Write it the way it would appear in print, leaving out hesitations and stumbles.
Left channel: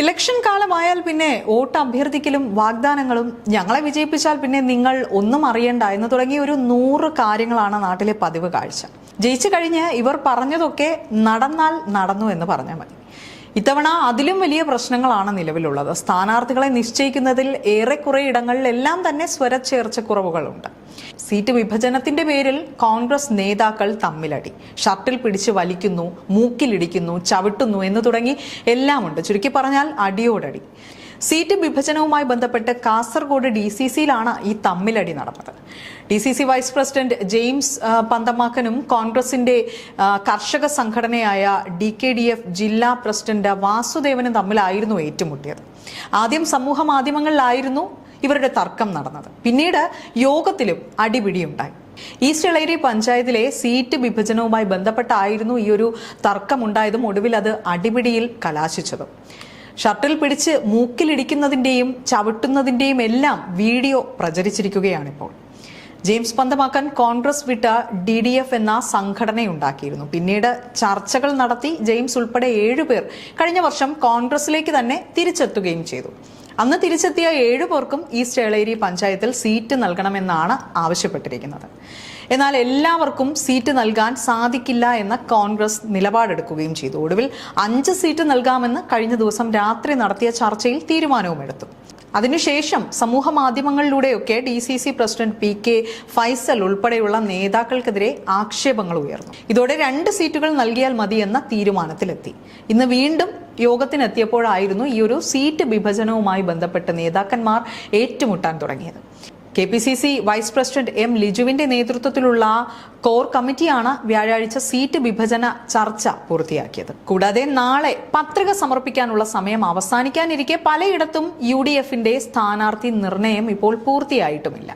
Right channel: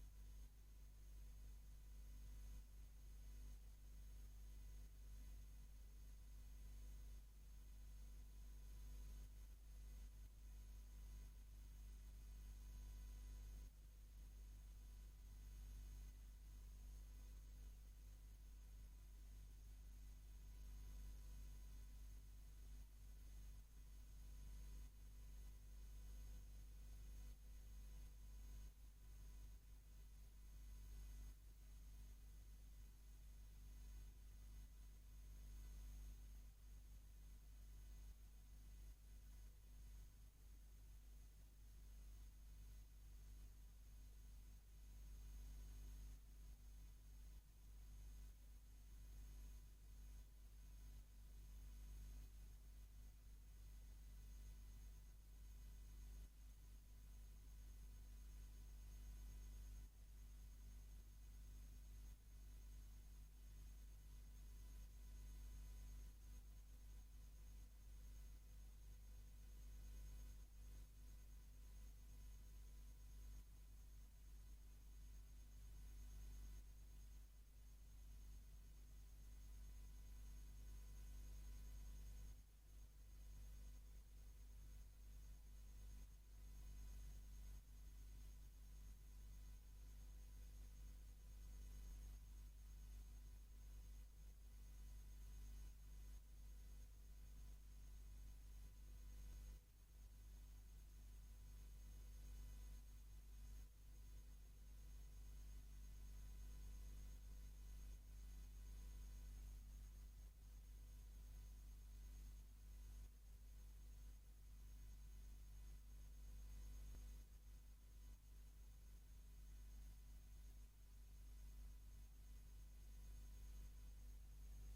Election കാലമായാൽ പിന്നെ vote അഭ്യർത്ഥിക്കലും വാഗ്ദാനങ്ങളും ഞങ്ങളെ വിജയിപ്പിച്ചാൽ പിന്നെ നിങ്ങൾ ഒന്നും അറിയണ്ട എന്ന് തുടങ്ങിയ ഒരു 100 കാര്യങ്ങളാണ് നാട്ടിലെ പതിവ് കാഴ്ച. ജയിച്ചു കഴിഞ്ഞ് ഇവർ പറഞ്ഞതൊക്കെ നടന്നാൽ നടന്നു എന്ന് പറഞ്ഞാൽ മതി. ഇത്തവണ അതിലും വലിയ പ്രശ്നങ്ങളാണ് നിലവിലുള്ളത്. സ്ഥാനാർത്ഥികളെ നിശ്ചയിക്കുന്നതിൽ ഏറെക്കുറെ ഇടങ്ങളിലെല്ലാം തന്നെ സ്വരച്ചേർച്ചക്കുറവുകളുണ്ട്. സീറ്റ് വിഭജനത്തിന്റെ പേരിൽ കോൺഗ്രസ് നേതാക്കൾ തമ്മിലടി, ഷർട്ടിൽ പിടിച്ച് വലിക്കുന്നു, മൂക്കിലിടിക്കുന്നു, ചവിട്ടുന്നു എന്ന് തുടങ്ങി എല്ലാമുണ്ട്. ചുരുക്കി പറഞ്ഞാൽ അടിയോടടി. സീറ്റ് വിഭജനവുമായി ബന്ധപ്പെട്ട് കാസർഗോഡ് DCCയിലാണ് ഈ തമ്മിലടി നടന്നത്. DCC വൈസ് പ്രസിഡന്റ് ജെയിംസ് പന്തമാക്കനും കോൺഗ്രസിന്റെ കർഷക സംഘടനയായ DKDF ജില്ലാ പ്രസിഡന്റ് വാസുദേവനും തമ്മിലായിരുന്നു ഏറ്റുമുട്ടിയത്. ആദ്യം സമൂഹ മാധ്യമങ്ങളിലായിരുന്നു ഇവരുടെ തർക്കം നടന്നത്. പിന്നീട് യോഗത്തിലും അടിപിടിയുണ്ടായി. ഈസ്റ്റ് എളേരി പഞ്ചായത്തിലെ സീറ്റ് വിഭജനവുമായി ബന്ധപ്പെട്ടായിരുന്നു ഈ ഒരു തർക്കമുണ്ടായതും ഒടുവിൽ അത് അടിപിടിയിൽ കലാശിച്ചതും. ഷർട്ടിൽ പിടിച്ച് മൂക്കിലിടിക്കുന്നതിന്റെയും ചവിട്ടുന്നതിന്റെയും എല്ലാം വീഡിയോ പ്രചരിച്ചിരിക്കുകയാണിപ്പോൾ. ജെയിംസ് പന്തമാക്കൻ കോൺഗ്രസ് വിട്ട DDF എന്ന സംഘടനയുണ്ടാക്കിയിരുന്നു. പിന്നീട് ചർച്ചകൾ നടത്തി ജെയിംസ് ഉൾപ്പെടെ 7 പേർ കഴിഞ്ഞ വർഷം കോൺഗ്രസിലേക്ക് തന്നെ തിരിച്ചെത്തുകയും ചെയ്തു. അന്ന് തിരിച്ചെത്തിയ 7 പേർക്കും ഈസ്റ്റ് എളേരി പഞ്ചായത്തിൽ സീറ്റ് നൽകണമെന്നാണ് ആവശ്യപ്പെട്ടിരിക്കുന്നത്. എന്നാൽ എല്ലാവർക്കും സീറ്റ് നൽകാൻ സാധിക്കില്ല എന്ന കോൺഗ്രസ് നിലപാടെടുക്കുകയും ചെയ്തു. ഒടുവിൽ 5 സീറ്റ് നൽകാമെന്ന് കഴിഞ്ഞ ദിവസം രാത്രി നടത്തിയ ചർച്ചയിൽ തീരുമാനവും എടുത്തു. അതിനുശേഷം സമൂഹ മാധ്യമങ്ങളിലൂടെയൊക്കെ DCC പ്രസിഡന്റ് PK ഫൈസൽ ഉൾപ്പെടെയുള്ള നേതാക്കൾക്കെതിരെ ആക്ഷേപങ്ങൾ ഉയർന്നു. ഇതോടെ 2 സീറ്റുകൾ നൽകിയാൽ മതി എന്ന തീരുമാനത്തിലെത്തി. ഇന്ന് വീണ്ടും യോഗത്തിനെത്തിയപ്പോഴായിരുന്നു ഈ ഒരു സീറ്റ് വിഭജനവുമായി ബന്ധപ്പെട്ട് നേതാക്കന്മാർ ഏറ്റുമുട്ടാൻ തുടങ്ങിയത്. KPCC വൈസ് പ്രസിഡന്റ് M ലിജുവിന്റെ നേതൃത്വത്തിലുള്ള കോർ കമ്മിറ്റിയാണ് വ്യാഴാഴ്ച സീറ്റ് വിഭജന ചർച്ച പൂർത്തിയാക്കിയത്. കൂടാതെ നാളെ പത്രിക സമർപ്പിക്കാനുള്ള സമയം അവസാനിക്കാനിരിക്കെ പലയിടത്തും UDFന്റെ സ്ഥാനാർത്ഥി നിർണയം ഇപ്പോൾ പൂർത്തിയായിട്ടുമില്ല.